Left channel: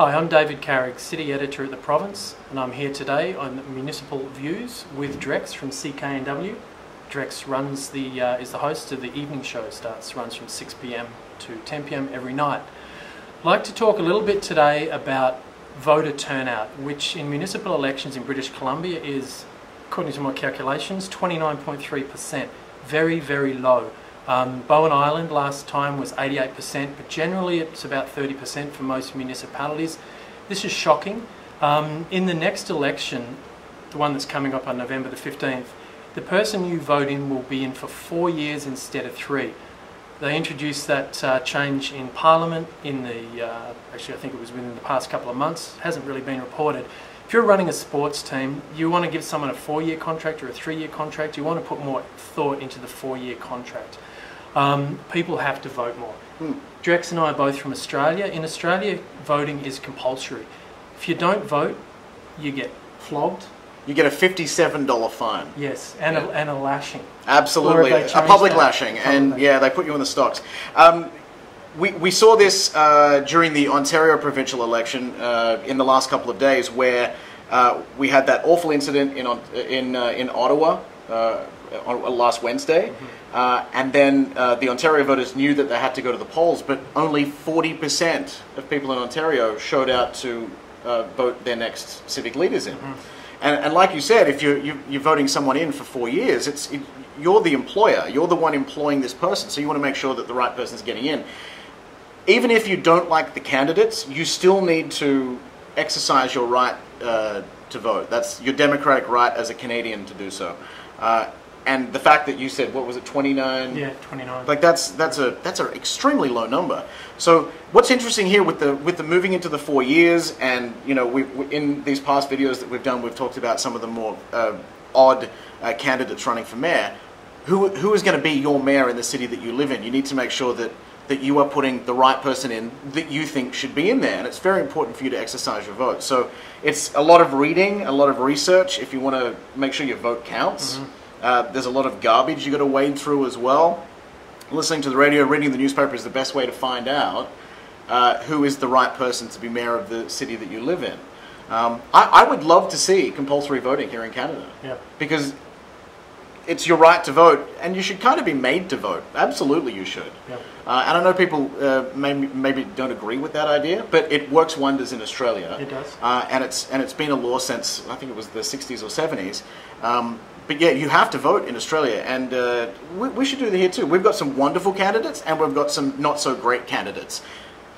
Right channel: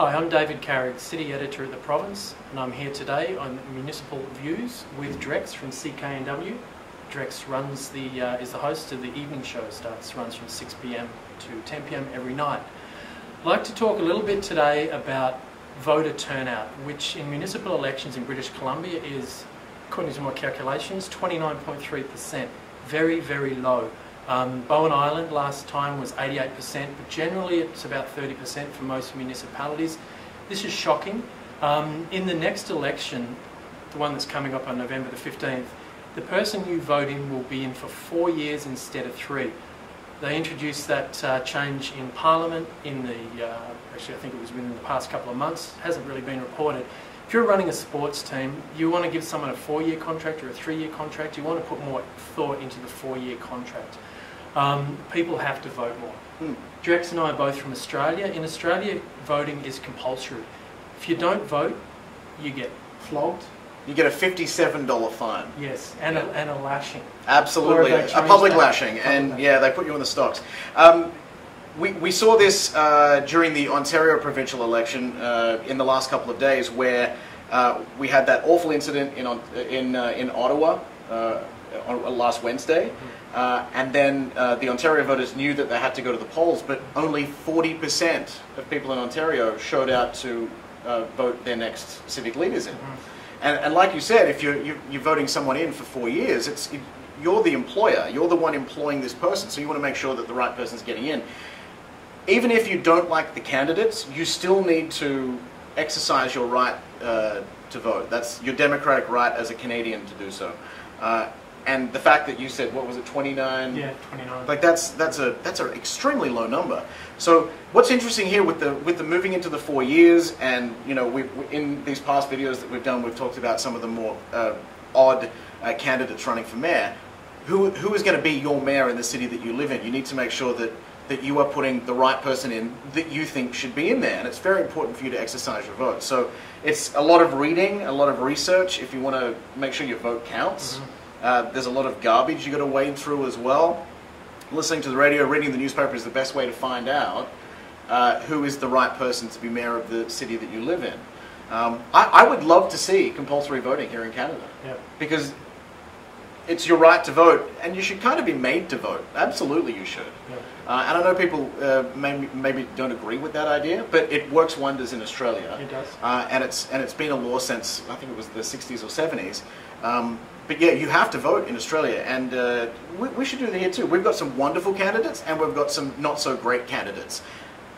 Hi, I'm David Carrigg, City Editor at the Province, and I'm here today on Municipal Views with Drex from CKNW. Drex runs is the host of the evening show. Runs from 6 p.m. to 10 p.m. every night. I'd like to talk a little bit today about voter turnout, which in municipal elections in British Columbia is, according to my calculations, 29.3%. Very, very low. Bowen Island last time was 88%, but generally it's about 30% for most municipalities. This is shocking. In the next election, the one that's coming up on November the 15th, the person you vote in will be in for 4 years instead of 3. They introduced that change in Parliament in the, actually I think it was within the past couple of months, it hasn't really been reported. If you're running a sports team, you want to give someone a 4-year contract or a 3-year contract, you want to put more thought into the 4-year contract. People have to vote more. Drex and I are both from Australia. In Australia, voting is compulsory. If you don't vote, you get flogged. You get a $57 fine. Yes, and a lashing. Absolutely, a public lashing, and yeah, they put you in the stocks. We saw this during the Ontario provincial election in the last couple of days, where we had that awful incident in Ottawa on last Wednesday. And then the Ontario voters knew that they had to go to the polls, but only 40% of people in Ontario showed out to vote their next civic leaders in. And like you said, if you're voting someone in for 4 years, you're the employer, you're the one employing this person, so you want to make sure that the right person's getting in. Even if you don't like the candidates, you still need to exercise your right to vote. That's your democratic right as a Canadian to do so. And the fact that you said, what was it, 29? Yeah, 29. Like that's an extremely low number. So what's interesting here with the moving into the 4 years, and you know, in these past videos that we've done, we've talked about some of the more odd candidates running for mayor. Who is going to be your mayor in the city that you live in? You need to make sure that you are putting the right person in that you think should be in there, and it's very important for you to exercise your vote. So it's a lot of reading, a lot of research if you want to make sure your vote counts. There's a lot of garbage you got to wade through as well. Listening to the radio, reading the newspaper is the best way to find out who is the right person to be mayor of the city that you live in. I would love to see compulsory voting here in Canada, because it's your right to vote, and you should kind of be made to vote. Absolutely, you should. And I know people maybe don't agree with that idea, but it works wonders in Australia. It does. And it's been a law since, I think it was the 60s or 70s. But yeah, you have to vote in Australia, and we should do that here too. We've got some wonderful candidates, and we've got some not so great candidates.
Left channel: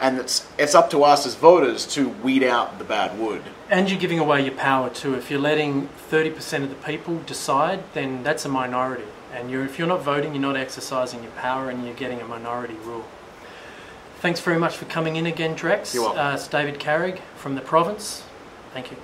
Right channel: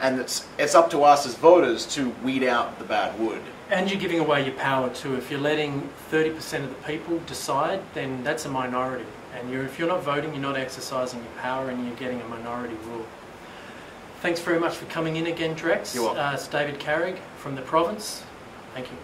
And it's up to us as voters to weed out the bad wood. And you're giving away your power too. If you're letting 30% of the people decide, then that's a minority. And if you're not voting, you're not exercising your power, and you're getting a minority rule. Thanks very much for coming in again, Drex. You're welcome. It's David Carrigg from the Province. Thank you.